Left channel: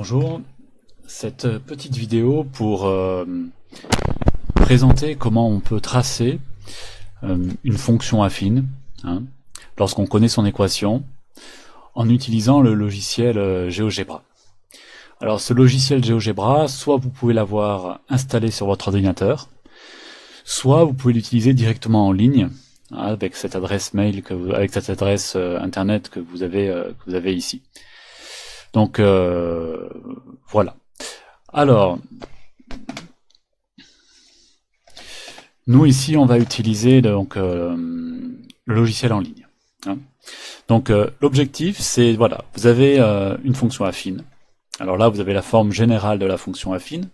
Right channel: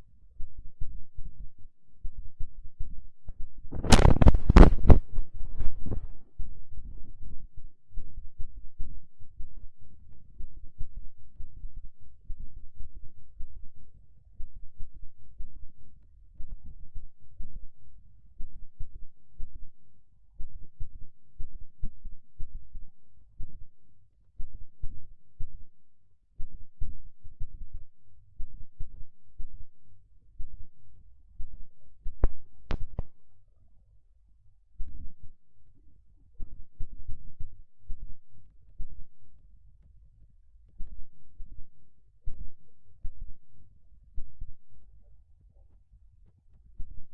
Bonjour, cette petite vidéo pour présenter comment on peut tracer une fonction affine, hein, lorsqu'on connaît son équation, en utilisant le logiciel GeoGebra. Alors ce logiciel GeoGebra, soit vous pouvez l'avoir installé sur votre ordinateur, soit vous pouvez l'utiliser directement en ligne, hein, avec cette adresse mail, avec cette adresse internet que vous avez ici. Donc voilà. Alors, nous ici, on va utiliser donc le logiciel en ligne, hein. Donc l'objectif, c'est voilà, vous avez une fonction affine. Alors là, vous avez la forme générale de la fonction affine,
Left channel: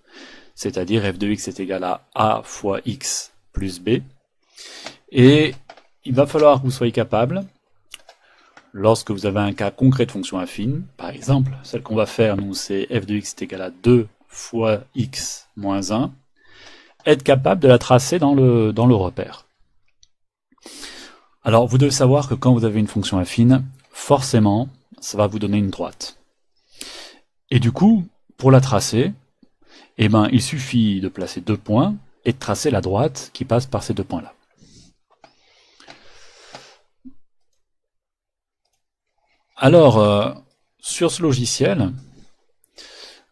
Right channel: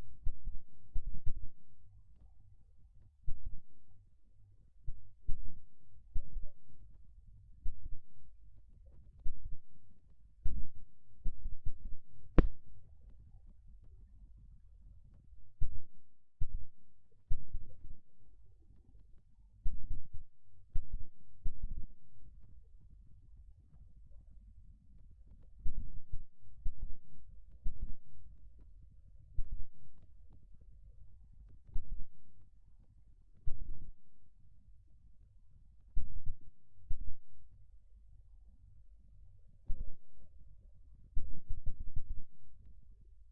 c'est-à-dire f de x est égal à a fois x plus b. Et il va falloir que vous soyez capable, lorsque vous avez un cas concret de fonction affine, par exemple, celle qu'on va faire, nous, c'est f de x est égal à 2 fois x moins 1, être capable de la tracer dans le repère. Alors, vous devez savoir que quand vous avez une fonction affine, forcément, ça va vous donner une droite. Et du coup, pour la tracer, eh ben, il suffit de placer deux points et de tracer la droite qui passe par ces deux points-là. Alors, sur ce logiciel,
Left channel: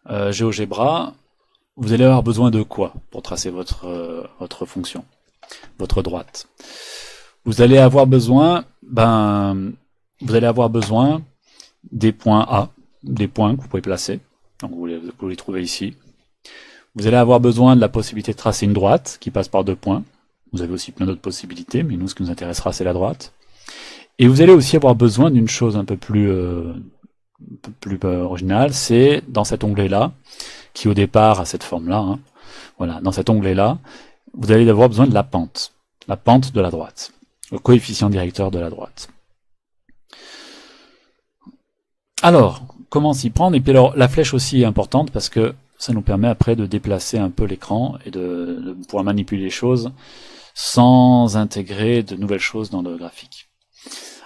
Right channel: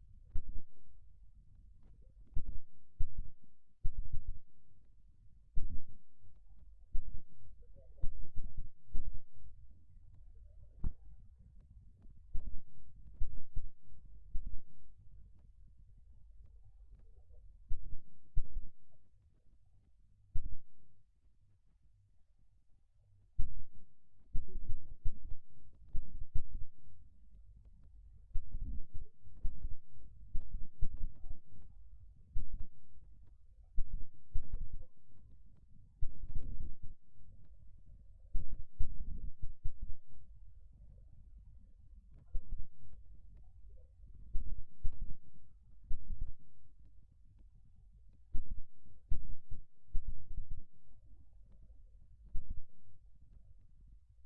GeoGebra, vous allez avoir besoin de quoi pour tracer votre fonction, votre droite? Vous allez avoir besoin, des points A, des points que vous pouvez placer. Donc vous les trouvez ici. Vous allez avoir besoin de la possibilité de tracer une droite qui passe par deux points. Vous avez aussi plein d'autres possibilités, mais nous, ce qui nous intéressera, c'est la droite. Et vous allez aussi avoir besoin d'une chose un peu plus originale, c'est dans cet onglet-là, qui au départ a cette forme-là, hein. Voilà, dans cet onglet-là, vous allez avoir besoin de la pente de la droite, le coefficient directeur de la droite. Alors, comment s'y prendre? Et puis alors, la flèche aussi est importante parce que ça nous permet après de déplacer un peu l'écran et de pouvoir manipuler les choses sans intégrer de nouvelles choses dans le graphique.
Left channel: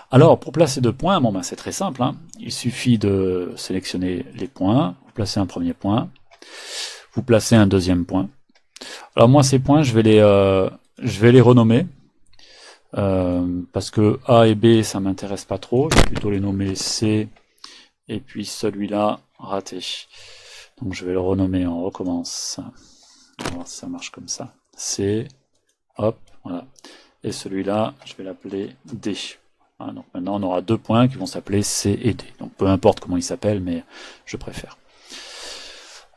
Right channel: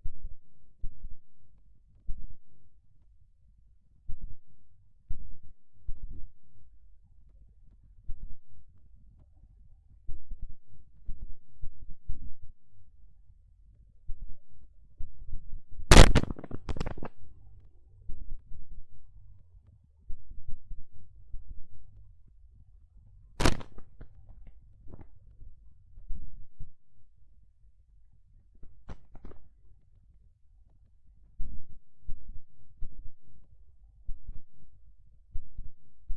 Alors, pour placer deux points, bon, c'est très simple, hein. Il suffit de sélectionner les points, vous placez un premier point, vous placez un deuxième point. Alors moi, ces points, je vais les renommer, parce que A et B, ça m'intéresse pas trop, je vais plutôt les nommer C, et puis celui-là, raté. Donc je vais le renommer, on recommence. On va voir si ça marche comme ça. C, hop, voilà. Et celui-là, je vais l'appeler D. Voilà, donc maintenant on aura deux points qui vont s'appeler C et D. Donc peu importe comment ils s'appellent, mais je préfère.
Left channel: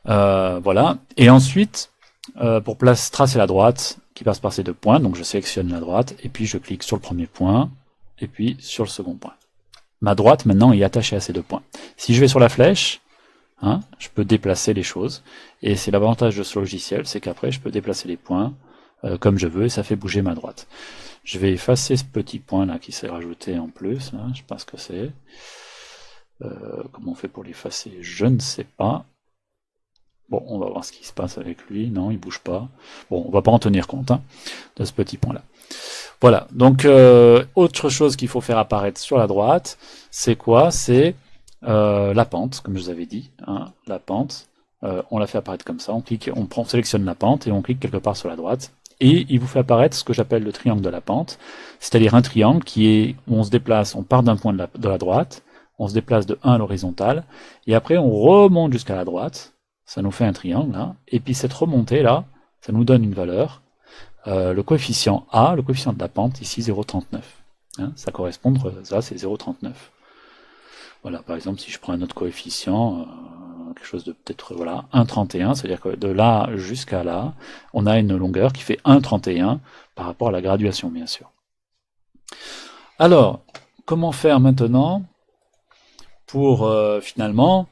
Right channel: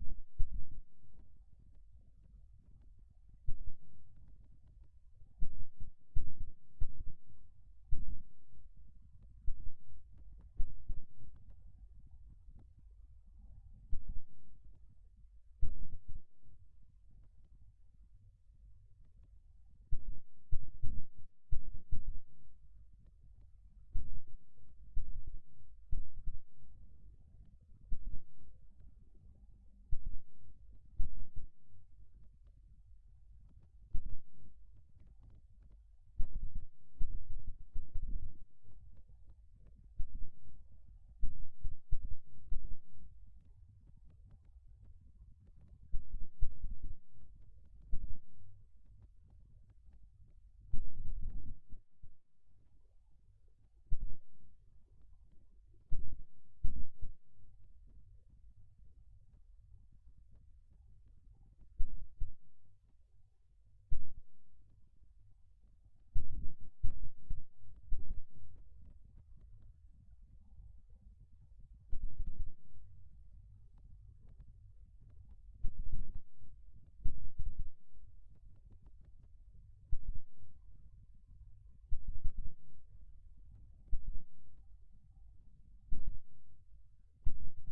Voilà. Et ensuite, pour tracer la droite qui passe par ces deux points, donc je sélectionne la droite, et puis je clique sur le premier point, et puis sur le second point. Ma droite maintenant est attachée à ces deux points. Si je vais sur la flèche, hein, je peux déplacer les choses, et c'est l'avantage de ce logiciel, c'est qu'après je peux déplacer les points comme je veux, et ça fait bouger ma droite. Je vais effacer ce petit point là qui s'est rajouté en plus, là, je sais pas ce que c'est. Comment on fait pour l'effacer? Je ne sais pas. Bon, on va voir ce qui se passe avec lui. Non, il bouge pas. Bon, on va pas en tenir compte, hein, de ce petit point là. Voilà, donc autre chose qu'il faut faire apparaître sur la droite, c'est quoi? C'est la pente, comme je vous avais dit, hein, la pente. On la fait apparaître comme ça, on sélectionne la pente et on clique quelque part sur la droite. Et il vous fait apparaître ce que j'appelle le triangle de la pente, c'est-à-dire un triangle où on se déplace, on part d'un point de la droite, on se déplace de 1 à l'horizontale, et après on remonte jusqu'à la droite, ça nous fait un triangle, là, et puis cette remontée là, ça nous donne une valeur, le coefficient A, le coefficient de la pente, ici 0,39. Hein, ça correspond, ça c'est 0,39. Voilà, par exemple, si je prends un autre coefficient, quelque chose de peut-être, voilà, 1,31, c'est-à-dire que de là jusqu'à là, on a une longueur qui fait 1,31 par rapport à la graduation, bien sûr. Alors, comment faire maintenant pour finalement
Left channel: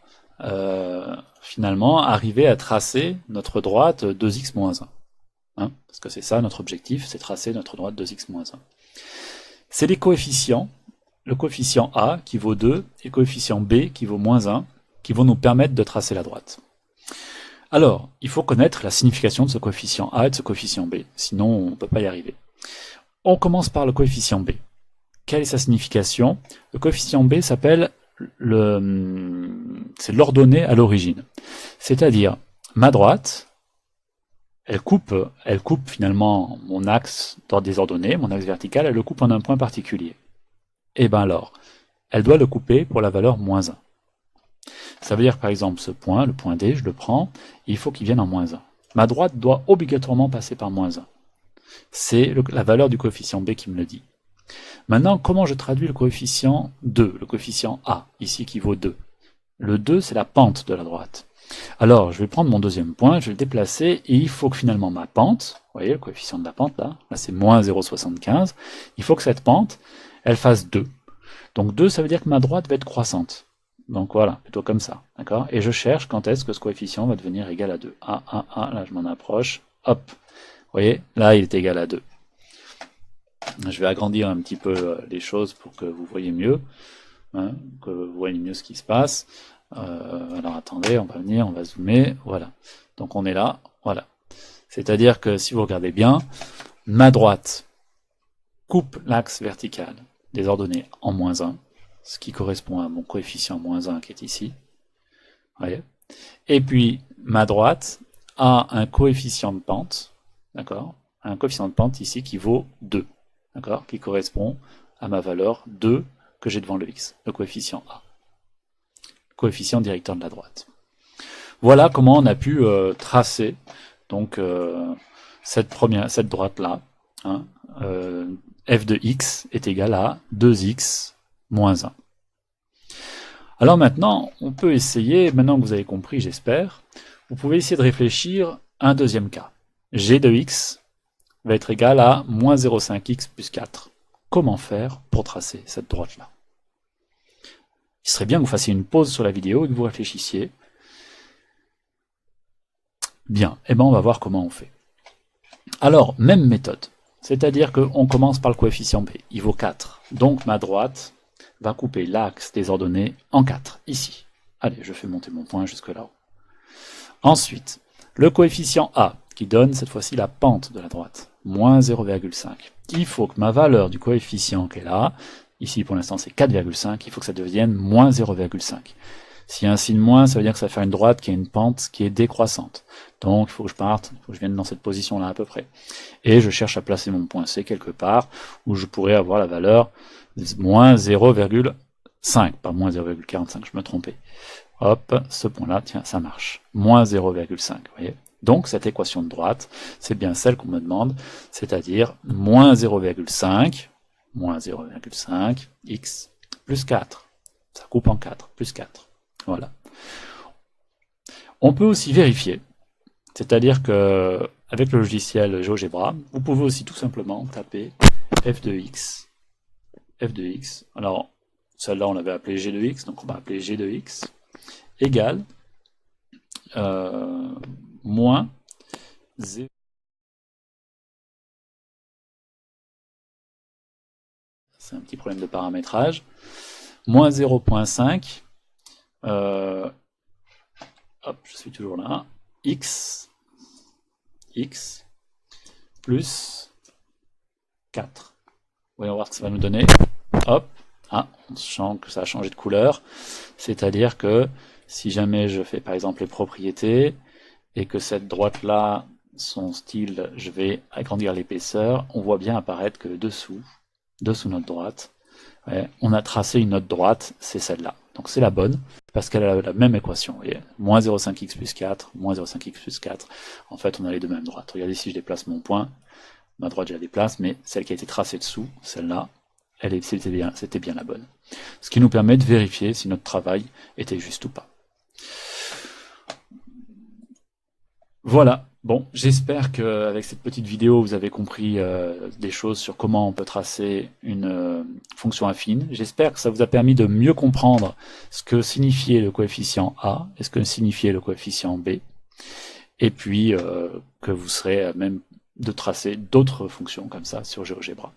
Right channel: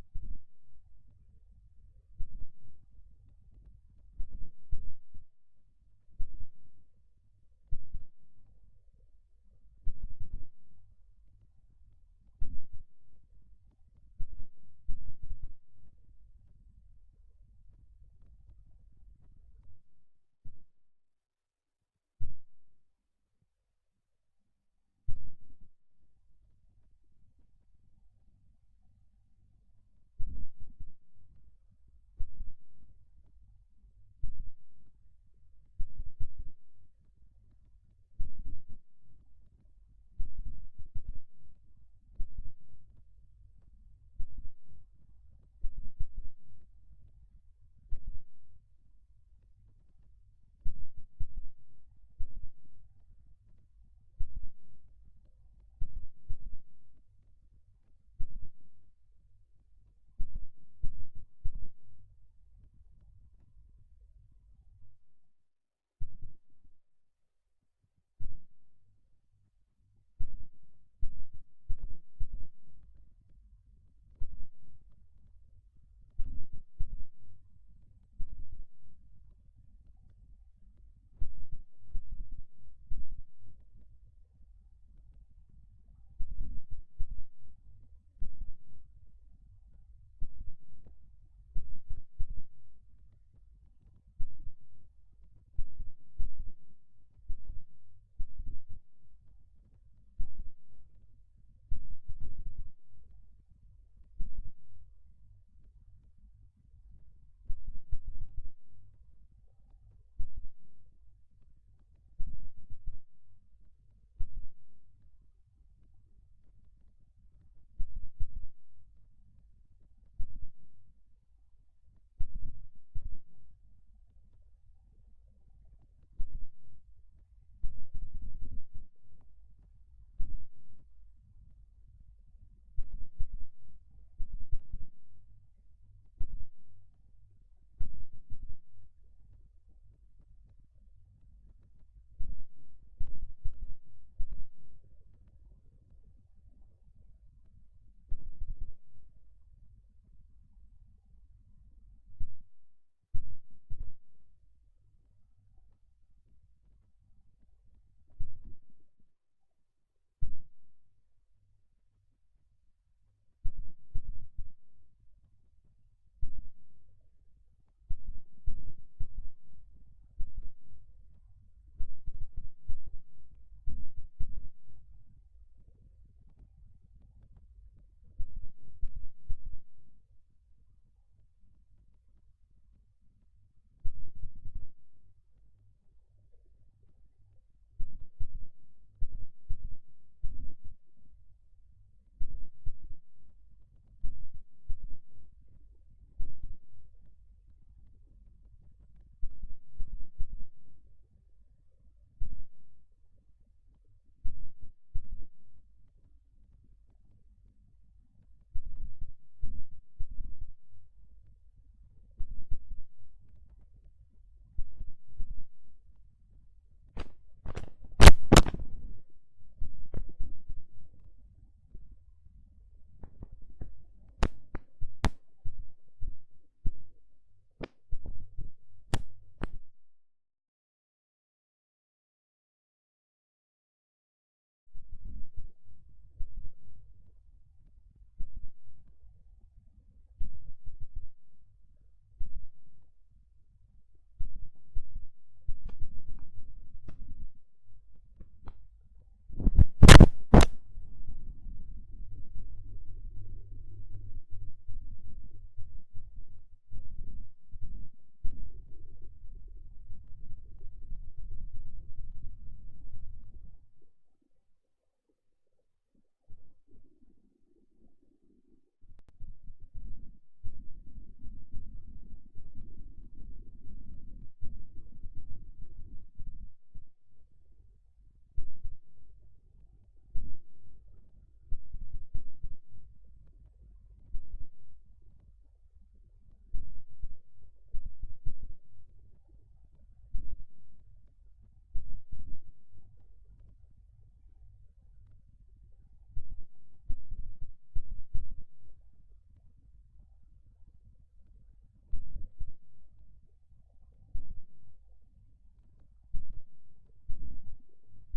arriver à tracer notre droite 2x moins 1, hein, parce que c'est ça notre objectif, c'est tracer notre droite 2x moins 1. C'est les coefficients, le coefficient A qui vaut 2 et le coefficient B qui vaut moins 1, qui vont nous permettre de tracer la droite. Alors, il faut connaître la signification de ce coefficient A et de ce coefficient B, sinon on ne peut pas y arriver. On commence par le coefficient B. Quelle est sa signification? Le coefficient B s'appelle c'est l'ordonnée à l'origine. C'est-à-dire, ma droite, elle coupe finalement mon axe des ordonnées, mon axe vertical, elle le coupe en un point particulier. Et bien alors, elle doit le couper pour la valeur -1. Ça veut dire par exemple ce point, le point D, je le prends, il faut qu'il vienne en -1. Ma droite doit obligatoirement passer par -1. C'est la valeur du coefficient B qui me le dit. Maintenant, comment je traduis le coefficient 2, le coefficient A, ici qui vaut 2? Le 2, c'est la pente de la droite. Alors, je vais prendre mon deuxième point, je vais le déplacer, et il faut que finalement ma pente, vous voyez le coefficient de la pente là c'est moins 0,75, il faut que cette pente, elle fasse 2. Donc 2, ça veut dire que ma droite va être croissante. Donc voilà, plutôt comme ça, d'accord? Et je cherche quand est-ce que ce coefficient va devenir égal à 2. Là je m'en approche, hop, vous voyez, là il est égal à 2. Je vais agrandir un petit peu les choses pour que vous voyez mieux, hein, que vous voyez mieux ce qui se passe. Alors attendez, on va venir, on va zoomer, voilà. Donc on est là, voilà. C'est-à-dire que si vous regardez bien, ma droite coupe l'axe vertical des ordonnées en -1, ce qui correspond à mon coefficient -1 qui est ici. Voyez. Et puis ma droite a un coefficient de pente, d'accord, un coefficient de pente ici qui vaut 2, d'accord, qui correspond à ma valeur 2 que j'ai devant le x, le coefficient A, coefficient directeur de la droite. Voilà comment on a pu tracer donc cette droite là, hein, f de x est égal à 2x moins 1. Alors maintenant, on peut essayer, maintenant que vous avez compris, j'espère, vous pouvez essayer de réfléchir à un deuxième cas. G de x va être égal à moins 0,5x plus 4. Comment faire pour tracer cette droite-là? Il serait bien que vous fassiez une pause sur la vidéo et que vous réfléchissiez. Bien, et bien on va voir comment on fait. Alors, même méthode, c'est-à-dire qu'on commence par le coefficient b, il vaut 4. Donc ma droite va couper l'axe des ordonnées en 4, ici. Allez, je fais monter mon point jusque là-haut. Ensuite, le coefficient a, qui donne cette fois-ci la pente de la droite, moins 0,5. Il faut que ma valeur du coefficient qui est là, ici pour l'instant c'est 4,5, il faut que ça devienne moins 0,5. S'il y a un signe moins, ça veut dire que ça va faire une droite qui a une pente qui est décroissante. Donc il faut que je parte, il faut que je vienne dans cette position-là à peu près. Et je cherche à placer mon point C quelque part où je pourrais avoir la valeur moins 0,5, pas moins 0,45, je me trompais. Hop, ce point-là, tiens, ça marche. Moins 0,5, vous voyez. Donc cette équation de droite, c'est bien celle qu'on me demande, c'est-à-dire moins 0,5, x plus 4. Ça coupe en 4, plus 4. Voilà. On peut aussi vérifier, c'est-à-dire que avec le logiciel GeoGebra, vous pouvez aussi tout simplement taper f de x. Alors, celle-là on l'avait appelée g de x, donc on va appeler g de x égale moins 0. C'est un petit problème de paramétrage. Moins 0,5. Hop, je suis toujours là. X plus 4. Voyons voir ce que ça va nous donner. Hop, on sent que ça a changé de couleur. C'est-à-dire que si jamais je fais par exemple les propriétés et que cette droite-là, son style, je vais agrandir l'épaisseur, on voit bien apparaître que dessous notre droite, on a tracé une autre droite, c'est celle-là. Donc c'est la bonne, parce qu'elle a la même équation. Vous voyez, moins 0,5x plus 4, moins 0,5x plus 4. En fait, on a les deux mêmes droites. Regardez si je déplace mon point, ma droite je la déplace, mais celle qui a été tracée dessous, celle-là, c'était bien la bonne. Ce qui nous permet de vérifier si notre travail était juste ou pas. Voilà, bon, j'espère qu'avec cette petite vidéo, vous avez compris des choses sur comment on peut tracer une fonction affine. J'espère que ça vous a permis de mieux comprendre ce que signifiait le coefficient A et ce que signifiait le coefficient B. Et puis que vous serez à même de tracer d'autres fonctions comme ça sur GeoGebra.